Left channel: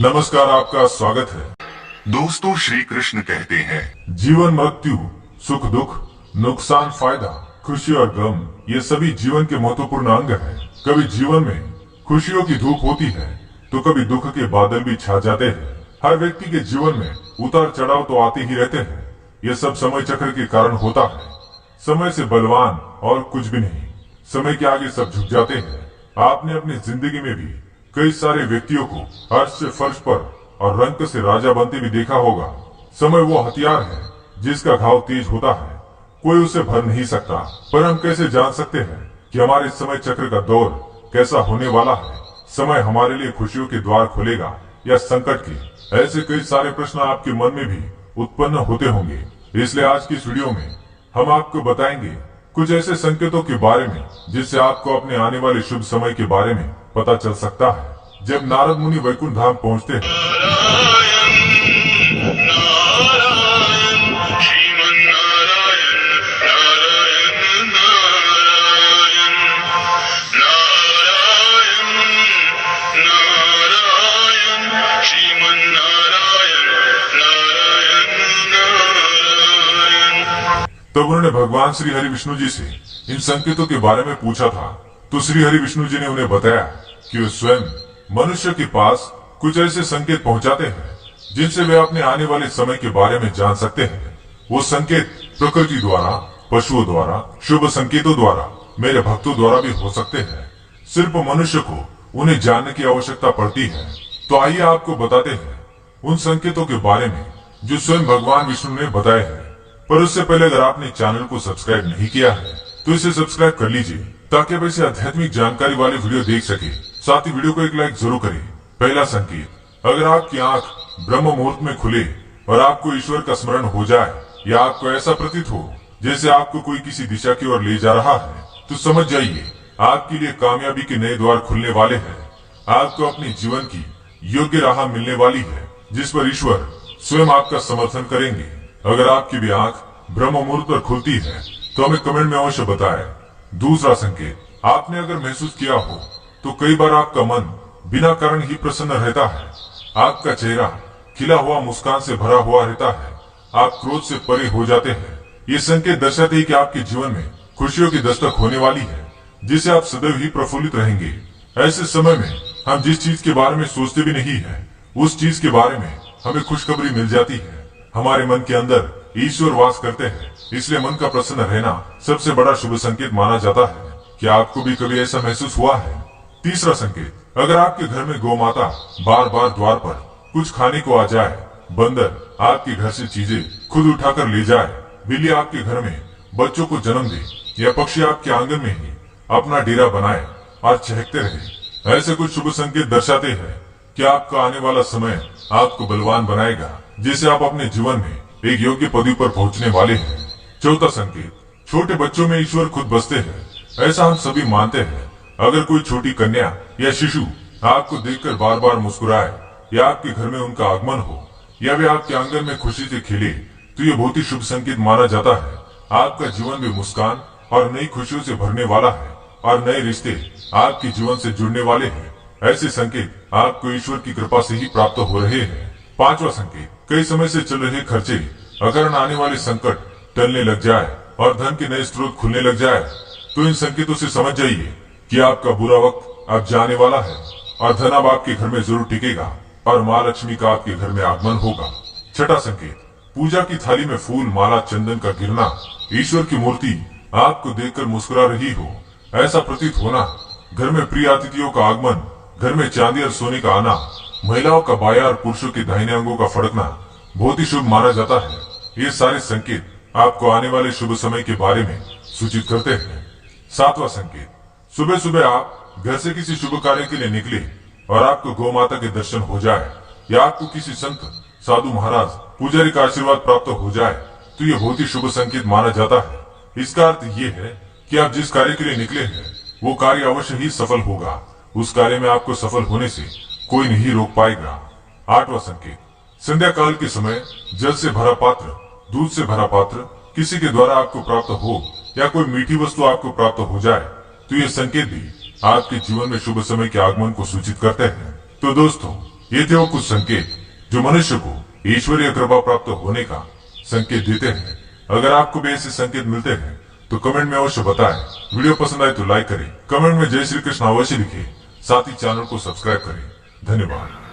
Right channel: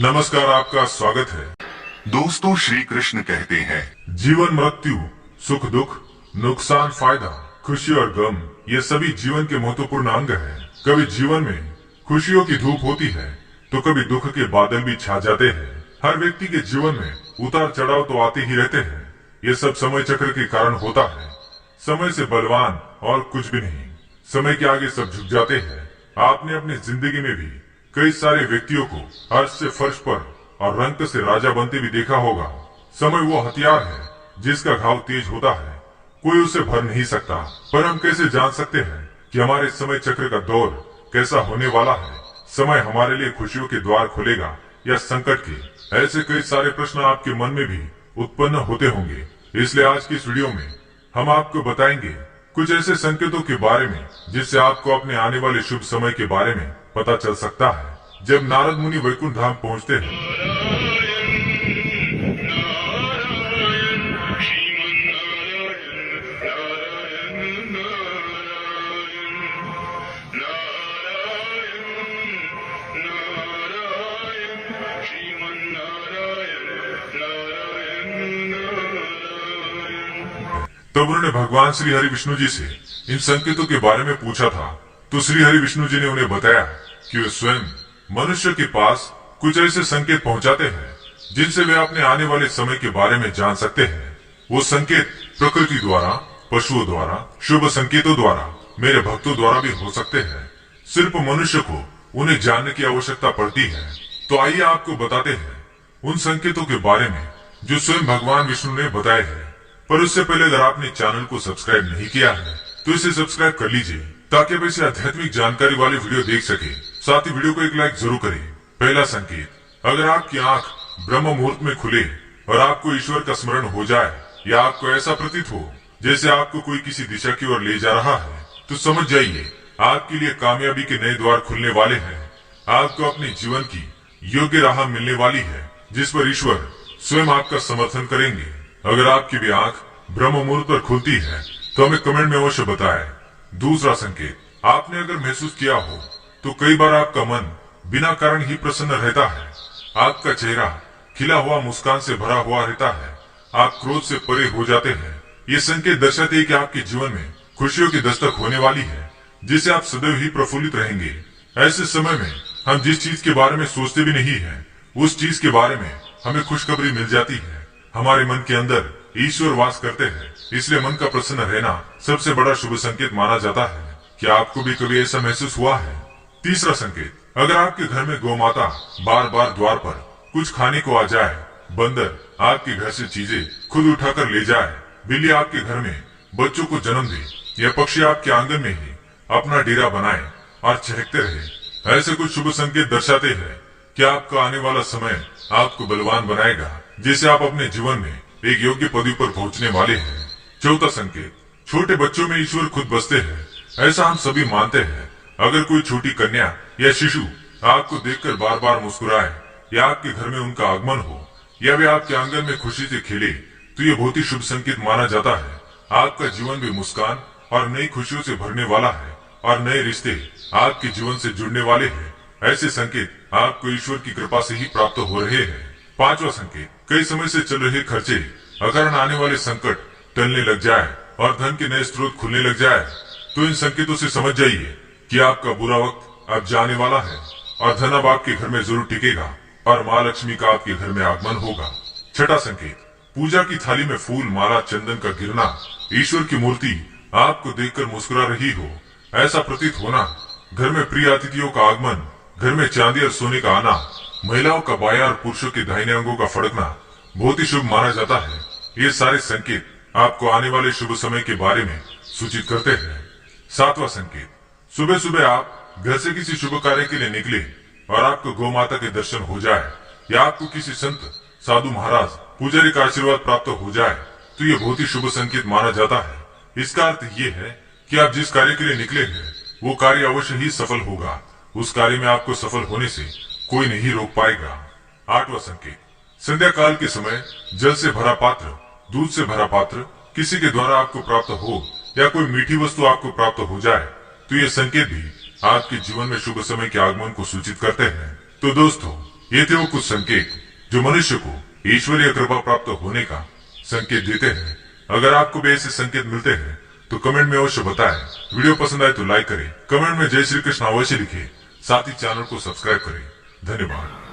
नमस्कार, आपका स्वागत है। दोस्तों, श्री कृष्ण कहते हैं, जीवन मृत्यु, सुख दुख, नुकसान फायदा, खुशी और गम, ये सभी जीवन के महत्वपूर्ण अंग हैं। कभी जीवन में खुशियों की धूप होती है तो कभी दुख के बादल भी छा जाते हैं। हर व्यक्ति के जीवन में उतार चढ़ाव तो आते ही रहते हैं। ये सब समय चक्र के कारण होता है। समय से बलवान और कुछ भी नहीं। समय के आगे सब झुक जाते हैं। आपने अपनी जिंदगी में भी कई सारे व्यक्तियों को अर्श से फर्श पर और रंक से राजा बनते भी देखा होगा। समय वो हथियार है जिसका घाव तेज होता है, कोई उसे भर नहीं सकता। पर हम कैसे जान सकते हैं कि हमारे समय चक्र का दौर कैसा होने वाला है? समय हमारे लिए खुशियों के द्वार खोलेगा या संकट के? ऐसे कई सारे प्रश्न आपके मन में भी उत्पन्न होते होंगे। इसलिए आज की इस वीडियो में हम आपको बताएंगे कुछ ऐसे संकेतों के बारे में जिससे आपको अपने आने वाले शुभ समय के बारे में पता चल सकता है। जब नारद मुनि वैकुंठ धाम पहुंचते हैं तब उन्होंने भगवान श्री हरि विष्णु जी से इन संकेतों के बारे में पूछा था। तो श्री हरि विष्णु जी ने उन्हें बताया कि वे स्वयं मनुष्य के पास कुछ ऐसे संकेत पहुंचाते हैं जिनसे वे अपने आने वाले समय के बारे में जान सकते हैं। वो संकेत प्रकृति द्वारा, पशुओं द्वारा, शुभ संकेतों द्वारा, मेरे भक्तों द्वारा भी हो सकते हैं। सिर्फ मनुष्य को उन्हें जानने की आवश्यकता पड़ती है। तो आइए आपको बताते हैं उन संकेतों के बारे में जो स्वयं भगवान विष्णु ने बताए हैं। पर उससे पहले अगर आपने चैनल को सब्सक्राइब नहीं किया है तो इसे सब्सक्राइब कर लीजिए ताकि आप ऐसे आध्यात्मिक जानकारी वाले वीडियो देख सके। साथ ही वीडियो को एक लाइक जरूर करें। पहला संकेत, अगर आपकी आंख ब्रह्म मुहूर्त में खुले और आपको ईश्वर का स्मरण हो जाए या आपको ऐसा प्रतीत हो जैसे आपको कोई किसी दिशा की ओर ले जा रहा है, तो समझ जाइए आपके लिए कामयाबी के नए द्वार खुलने वाले हैं। आपको अपने जीवन की योग्य राह मिलने वाली है जिस पर ईश्वर स्वयं आपका समर्थन करेंगे। अगर आपकी भी आंख ब्रह्म मुहूर्त पर खुलती है तो हमें कमेंट में अवश्य बताएं। दूसरा संकेत, आपने अगर महसूस किया हो तो कई बार आपका मन बिना कारण ही प्रसन्न रहता है। आपका चेहरा खिला हुआ मुस्कान से भरा हुआ रहता है। आप क्रोध से परे हो जाते हैं। ये संकेत दर्शाते हैं कि आपके जीवन में खुशियों की दस्तक होने वाली है जिससे आप सदैव ही प्रफुल्लित रहेंगे। ऐसे समय में हम जिस चीज के बारे में सोचते भी नहीं है उस चीज के बारे में हमें खुशखबरी मिल जाती है। हमारे मन के अंदर ईश्वर वास करते हैं, इसलिए मन का प्रसन्न रहना सबसे बड़ा शुभ संकेत माना जाता है। क्या आपको भी कभी ऐसा महसूस हुआ है? तीसरा संकेत, अगर आपके घर में गौ माता बार बार द्वार पर कुछ खाने को आ जाए, बंदर आपके घर से चीजें खुद उठाकर ले जाए, बिल्ली आपके घर में बच्चों को जन्म दे या पक्षी आपके आंगन में ही अपना डेरा बनाए और चहकते रहे, ऐसे कुछ शुभ संकेत दर्शाते हैं कि आपका आने वाला समय आपको बलवान बनाएगा जिससे आप अपने जीवन में एक योग्य पदवी पर पहुंचने वाले हैं। चौथा संकेत, छोटे बच्चों में ईश्वर खुद बसते हैं, ऐसा हम सभी मानते हैं। अगर कोई छोटी कन्या या शिशु आपको देखकर बार बार मुस्कुराए या आपके घर में उनका आगमन हो या वे आपके आंगन में खुशी से खेले तो ये बहुत ही शुभ संकेत माना जाता है। आपका जीवन भी मुस्कान और नई खुशियों से भरने वाला है और नए रिश्ते आपके जीवन से जुड़ने वाले हैं। ऐसे संकेत आपको ईश्वर की कृपा से ही प्राप्त हो रहे हैं। पांचवा संकेत, कई समय से चल रहे खर्चे अगर आने वाले संकट टलने लग जाए और धन के नए स्रोत खुलने लग जाए तो इन संकेतों से समझ जाइए कि आपका बुरा वक्त अब जाने वाला है और धन अब आपके घर में जरूर टिकेगा और माँ लक्ष्मी का आपके घर में आगमन होगा। छठा संकेत, पूजा की थाली में फूल, माला, चंदन का गिरना, ईश्वर की मूर्ति आपको देखकर मुस्कुरा रही हो, ऐसा प्रतीत होना, घर में प्रिय अतिथियों का आगमन, घर में चांदी और सोने का आना, महिलाओं का बायां और पुरुषों के दाहिने अंगों का फड़कना बहुत ही शुभ माना जाता है। ये सारे संकेत आपको आने वाले शुभ समय के बारे में सूचित करते हैं। सातवां संकेत, सुबह सुबह आप घर से किसी शुभ कार्य के लिए निकले और आपको गौ माता के दर्शन हो जाए या आपको किसी संत, साधु महाराज, पुजारी का आशीर्वाद प्राप्त हो जाए तो ये बहुत ही शुभ संकेत माना जाता है। इसका अर्थ ये है कि आप जिस कार्य के लिए निकले हैं वो कार्य अवश्य ही सफल होगा। उस कार्य में आपको सफल होने से कोई नहीं रोक पाएगा। आठवां संकेत, संध्या काल के समय जल से भरा पात्र, दूध से भरा पात्र किसी के द्वारा आपको प्राप्त हो या कोई मीठी वस्तु आपको प्राप्त हो जाए तो ये संकेत भी आपके जीवन में शुभ समय के आगमन को सूचित करते हैं। तो दोस्तों, ये थे वो कुछ संकेत जो मनुष्य को ईश्वरीय कृपा प्राप्त होने का संकेत देते हैं। अगर आपको भी ऐसे संकेत मिलते हैं तो कमेंट में अवश्य बताएं। वीडियो पसंद आए तो लाइक करें, कमेंट में जय श्री कृष्ण अवश्य लिखें, साथ ही चैनल को सब्सक्राइब करें। धन्यवाद।